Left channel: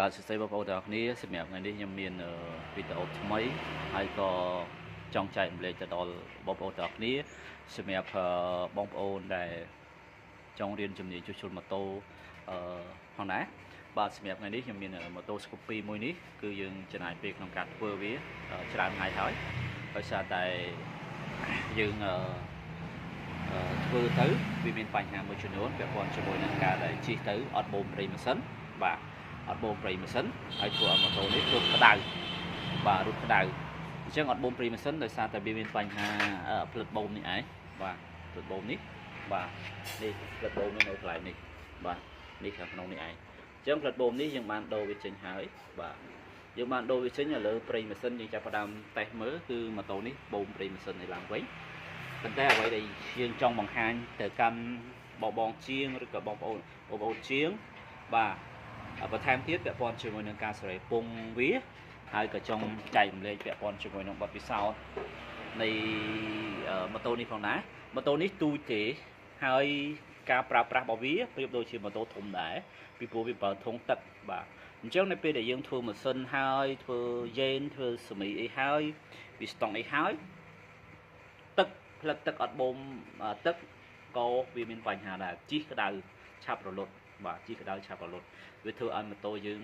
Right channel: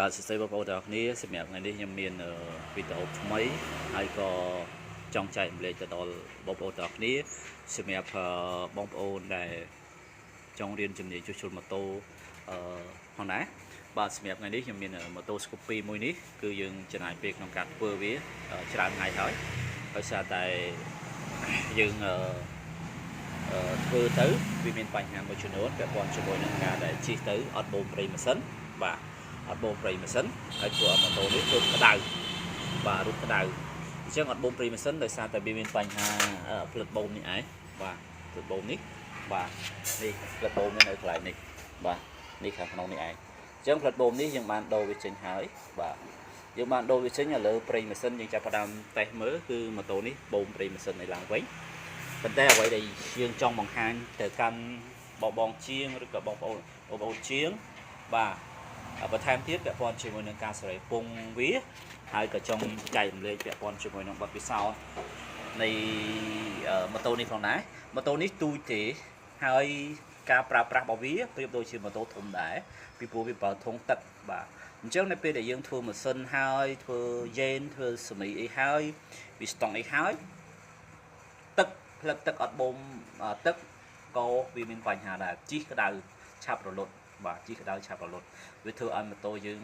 បាទសួស្តីបងប្អូនទាំងអស់គ្នាសម្រាប់ថ្ងៃនេះខ្ញុំមានវីដេអូថ្មីហើយក៏ចង់ចែករំលែកទៅដល់បងប្អូនទាំងអស់គ្នាសម្រាប់បងប្អូនដែលចង់រៀនជំនាញជួសជុលម៉ូតូផងដែរបាទសម្រាប់ថ្ងៃនេះខ្ញុំមានម៉ូតូ Scoopy មួយនេះគឺយើងចំណាយពេលក្នុងការធ្វើវាច្រើនថ្ងៃហើយដោយសារតែយើងធ្វើទៅវាមានបញ្ហាមួយចំនួនពាក់ព័ន្ធជាមួយនឹងការដែលជិះទៅអត់បូមប្រេងម៉ាស៊ីនបាទអត់បូមប្រេងម៉ាស៊ីនហើយធ្វើឲ្យម៉ូតូនេះរត់ក្តៅបាទរត់ក្តៅអញ្ចឹងអត់បូមប្រេងម៉ាស៊ីនដោយសារតែវាមានបញ្ហាផ្លិតបូមនេះឯងបាទផ្លិតបូមនេះបាទនេះផ្លិតបូមនេះនៅកន្លែងនេះបាទនេះខាងក្នុងនេះឯងអញ្ចឹងផ្លិតបូមនេះយើងបានដូរវាចេញហើយបាទយើងបានដូរវាចេញឥឡូវប្រេងម៉ាស៊ីនយើងចាប់ផ្ដើមតេស្តមើលគឺម៉ូតូនេះបូមប្រេងម៉ាស៊ីននៅឡើងវិញប៉ុន្តែអ្វីដែលយើងចង់បង្ហាញទៅកាន់បងជាងឬក៏បងប្អូនជាងបាទបន្ថែមទៀតពាក់ព័ន្ធជាមួយនឹងការសេរីពងវាហើយក៏ចង់ចែករំលែកពាក់ព័ន្ធជាមួយនឹងបទពិសោធន៍នៃម៉ូតូនេះផងដែរម៉ូតូនេះទូចទេហើយការប្រើប្រាស់របស់វាប្រៀបដូចជាម៉ូតូធំដែរពីព្រោះវាប្រើធុងទឹកបាទអញ្ចឹងនៅពេលដែលយើងធ្វើម៉ាស៊ីនហើយធ្វើយេនធ្វើសមីអីហើយវាស្តុងអីហើយទឹកផ្លិតទឹកអត់បូមទឹកក៏វាមានបញ្ហាដែរជីក្តៅឆាប់រលត់បាទជីក្តៅឆាប់រលត់វាធ្វើឲ្យម៉ូតូយើង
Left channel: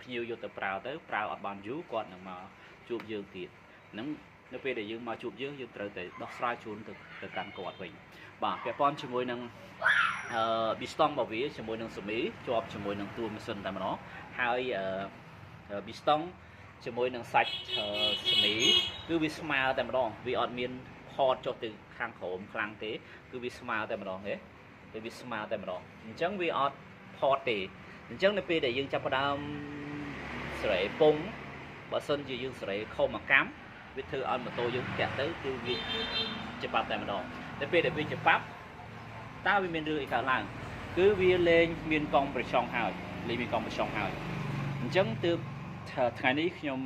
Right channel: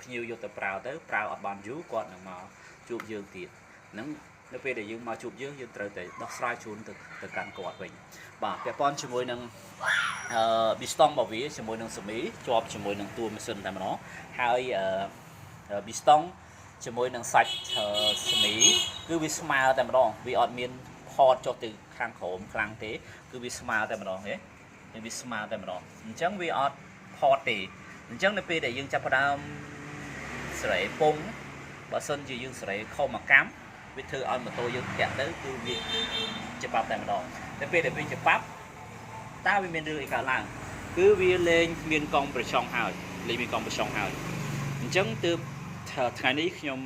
ភ្ញៀវយកទៅប្រើអត់បានយូរគាត់នឹងមកជួបយើងទៀតហ្នឹងនៅពេលដែលយើងមកជួបយើងត្រូវតែដោះស្រាយជូនទៅកាន់គាត់វិញបាទពាក់ព័ន្ធជាមួយនឹងប៊ីស្តង់របស់វាជាមួយនឹងសេមីជាប់ជាមួយនឹងតួម៉ាស៊ីនតែម្ដងហើយប៊ីស្តង់ជាមួយនឹងសាច់សេមីគឺវាស្មើតែម្ដងវាអត់មានផតចុះទៅខាងក្រោមខ្លាំងទេគឺវាស្មើតែម្ដងទេវាស្មើតែម្ដងអញ្ចឹងវាអត់ផតទេអញ្ចឹងនៅពេលដែលយើងចាប់ផ្ដើមសេរីពងបើសិនជាយើងសេរីខុសមួយកម្មវាធ្វើឲ្យម៉ូតូយើងធាក់ទៅគឺវាច្បាប់តែម្ដងតែពេលដែលវាច្បាប់តើវាមានរឿងអីកើតឡើងគឺវាលេងមានកង់ប្រឆុងហើយលេងមានកង់ប្រឆុងហើយអញ្ចឹងទើបថ្ងៃនេះខ្ញុំ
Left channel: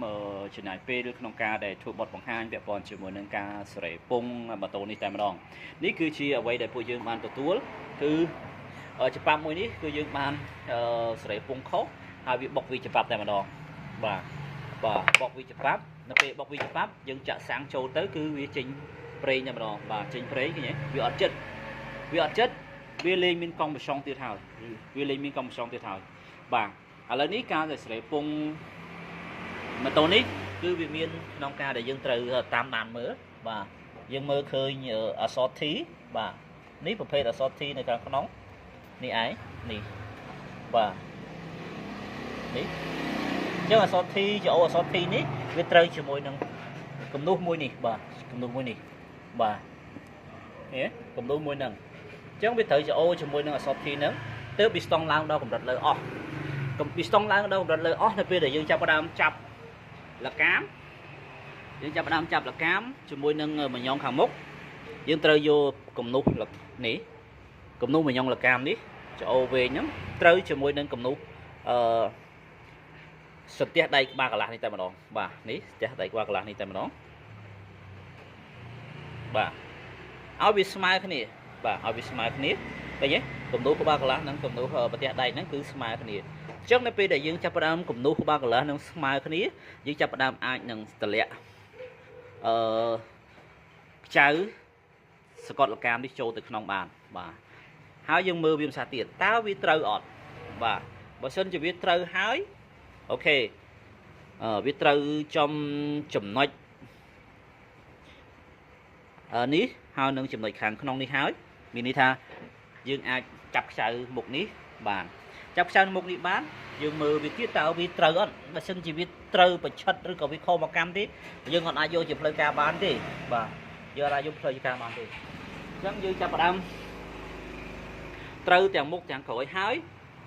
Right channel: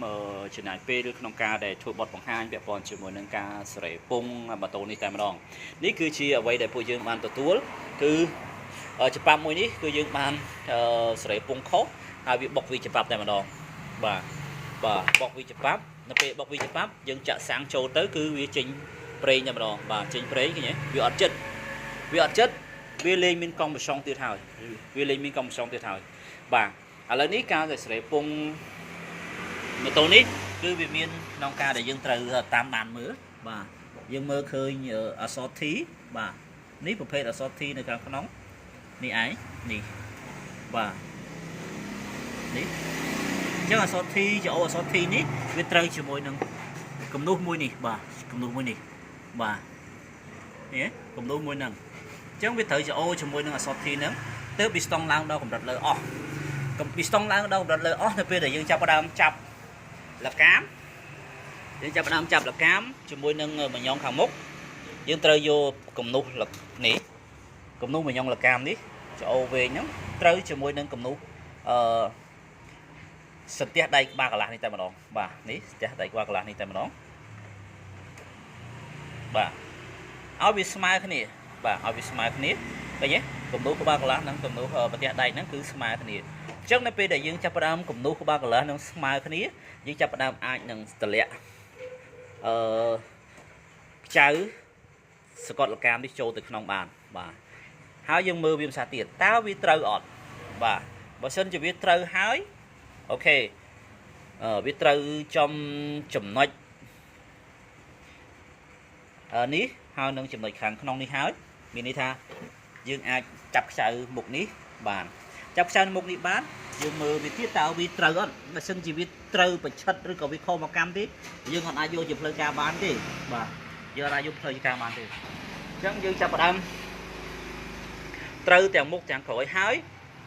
ចំណាយពេលក្នុងការដែលធ្វើបទបង្ហាញពាក់ព័ន្ធជាមួយនឹងការសេរីពងម៉ូតូនេះតែម្ដងនេះគឺជាអ្វីដែលពួកយើងបានទទួលគឺច្បាប់មួយនេះគឺយើងបានសេរីពងខុសហើយវាបុកវាច្បាប់តែម្ដងបាទបុកវាច្បាប់នៅពេលបុកវាច្បាប់យើងចាក់សាំងចូលទៅគឺវាចេញប្រេងតែម្ដងបាទចេញប្រេងឃើញទេវាអត់ចិត្តវាលេងមានកង់ប្រឆុងទៀតហើយវាលេងមានកង់ប្រឆុងទៀតហើយបាទឥឡូវនេះការដែលសេរីពងម៉ូតូនេះគឺវាមានក្នុងការដែលយើងត្រូវតាមដានមើលបាទយើងមើលឃើញអក្សរ T បាទនេះប្រភេទអក្សរ T នៅខាងក្នុងនេះឯងនេះបាទនេះអញ្ចឹងអក្សរ T ជាអក្សរ T នេះវាត្រូវជាមួយនឹងគំនូសមួយនេះបាទគំនូសមួយនេះបាទនេះគំនូសមួយហ្នឹងអញ្ចឹងវាត្រូវជាអូជាមួយនឹងអក្សរ T ហ្នឹងទើបប៊ីស្តង់ឡើងដល់កម្រិតលើអស់ប៊ីស្តង់ឡើងដល់កម្រិតលើអស់នៅពេលដែលយើងចាប់ផ្ដើមចាប់លកាមយើងចាប់ផ្ដើមចាប់លកាមជាមួយនឹងមញងខាងមុខយើងត្រូវយកគំនូសនេះគំនូសមញងលកាមនេះចូលវែងហ្នឹងត្រូវជាមួយនឹងគំនូសសន្ទះដៃក្បាលកន្លះនេះតែម្ដងបាទនេះសន្ទះដៃក្បាលកន្លះនេះតែម្ដងបាទឲ្យវាស្មើគ្នាបាទឲ្យវាស្មើគ្នាឃើញទេគំនូសក្បាលកន្លះនិងគំនូសប្រទះដៃហ្នឹងគឺស្មើគ្នាអញ្ចឹងនៅពេលដែលយើងចាប់ផ្ដើមគំនូសក្បាលកន្លះនឹងស្មើគ្នាយើងចាប់ផ្ដើមអាចនឹងតម្លាក់ខ្ចៅសកត់លកាមនេះចូលទៅក្នុងបានបាទហើយយើងមើលវាភាសាទៀតតើវាត្រូវអត់បាទបើសិនជាវាត្រូវហើយអូខេវាត្រូវចំណុចនេះហើយនឹងចំណុចខាងក្នុងនេះហើយមានន័យថាយើងអាចចាប់ខ្ចៅមុខនេះបានចាប់ខ្ចៅមុខនេះបានយើងមើលវាទៀតតើវាត្រូវអត់បើសិនជាវាត្រូវប្រឆិតឬក៏វាខុសមកកម្មទេយើងអត់អាចយកជាផ្លូវការបានទេបាទយើងអត់អាចយកផ្លូវការបានទេអញ្ចឹងយើងចាប់ផ្ដើមត្រូវទាំងមុខទាំងក្រោយហើយ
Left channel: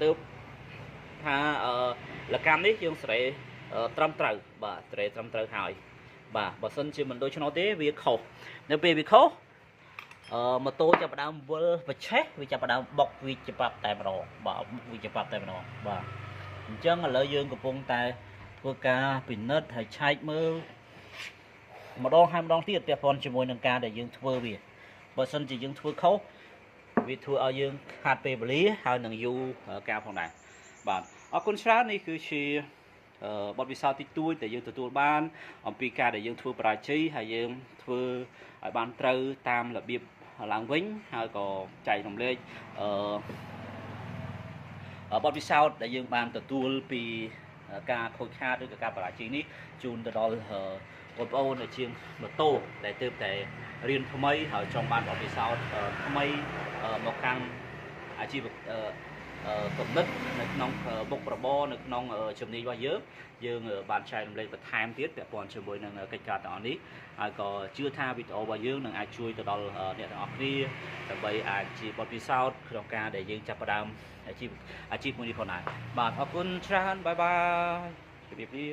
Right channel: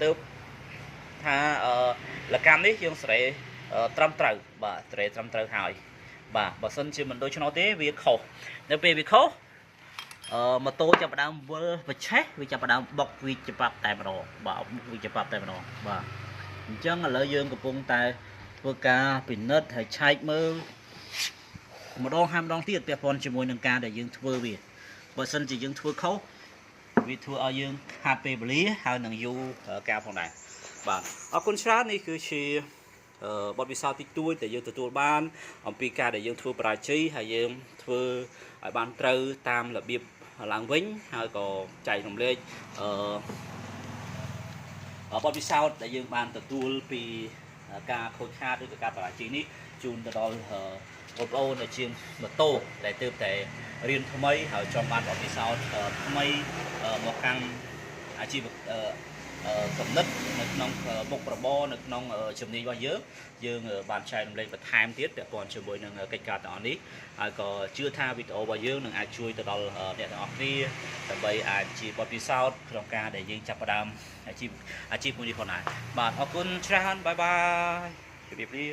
ទើបថាលកម្មនេះយើងសេរីត្រឹមត្រូវបាទសេរីត្រឹមត្រូវហើយបាទបើសិនជាមិនដូច្នោះទេវាខុសនៅពេលវាខុសម៉ូតូចាប់ផ្ដើមវិលប្រឆេះវាចាប់ផ្ដើមបុកវាច្បាប់តែម្ដងបាទវាច្បាប់តែម្ដងបាទអញ្ចឹងឥឡូវយើងកំពុងតែធ្វើការពិនិត្យហើយឆែកមើលម្ដងហើយម្ដងទៀតពាក់ព័ន្ធជាមួយនឹងការដែលយើងធ្វើវាបើសិនជាយើងធ្វើខុសវាធ្វើឲ្យយើងខាតពេលវេលាហើយនឹងយូរការផងដែរ បាទអរគុណច្រើននេះគឺជាបទពិសោធន៍តិចតួចដែលយើងទទួលបានអំពីការដែលយើងធ្វើបរាជ័យហើយយើងធ្វើឲ្យបានត្រូវតាមរបៀបឡើងវិញហើយក៏ចែករំលែកបទពិសោធន៍ដែលយើងបានទទួលពីការខូចខាតឬក៏ការបរាជ័យនេះជូនទៅដល់បងប្អូនជាងម៉ូតូដែលទើបតែរៀនថ្មីហើយចង់បានបទពិសោធន៍ថ្មីមកខាងអាជីវគំនិតនៅក្នុងមុខរបរនៅក្នុងជំនាញរបស់យើងបានចែករំលែកបន្ថែមទៀតពាក់ព័ន្ធជាមួយនឹងកិច្ចការទាំងអស់នេះហើយក៏ជឿថាវីដេអូរបស់យើងនឹងអាចជួយទៅដល់អ្នកទាំងអស់គ្នាដើម្បីអាចជាបទពិសោធន៍ក្នុងការដែលយើងចាប់ផ្ដើមអាជីពមួយនេះផងដែរបាទអរគុណច្រើនបាយបាយជម្រាបលា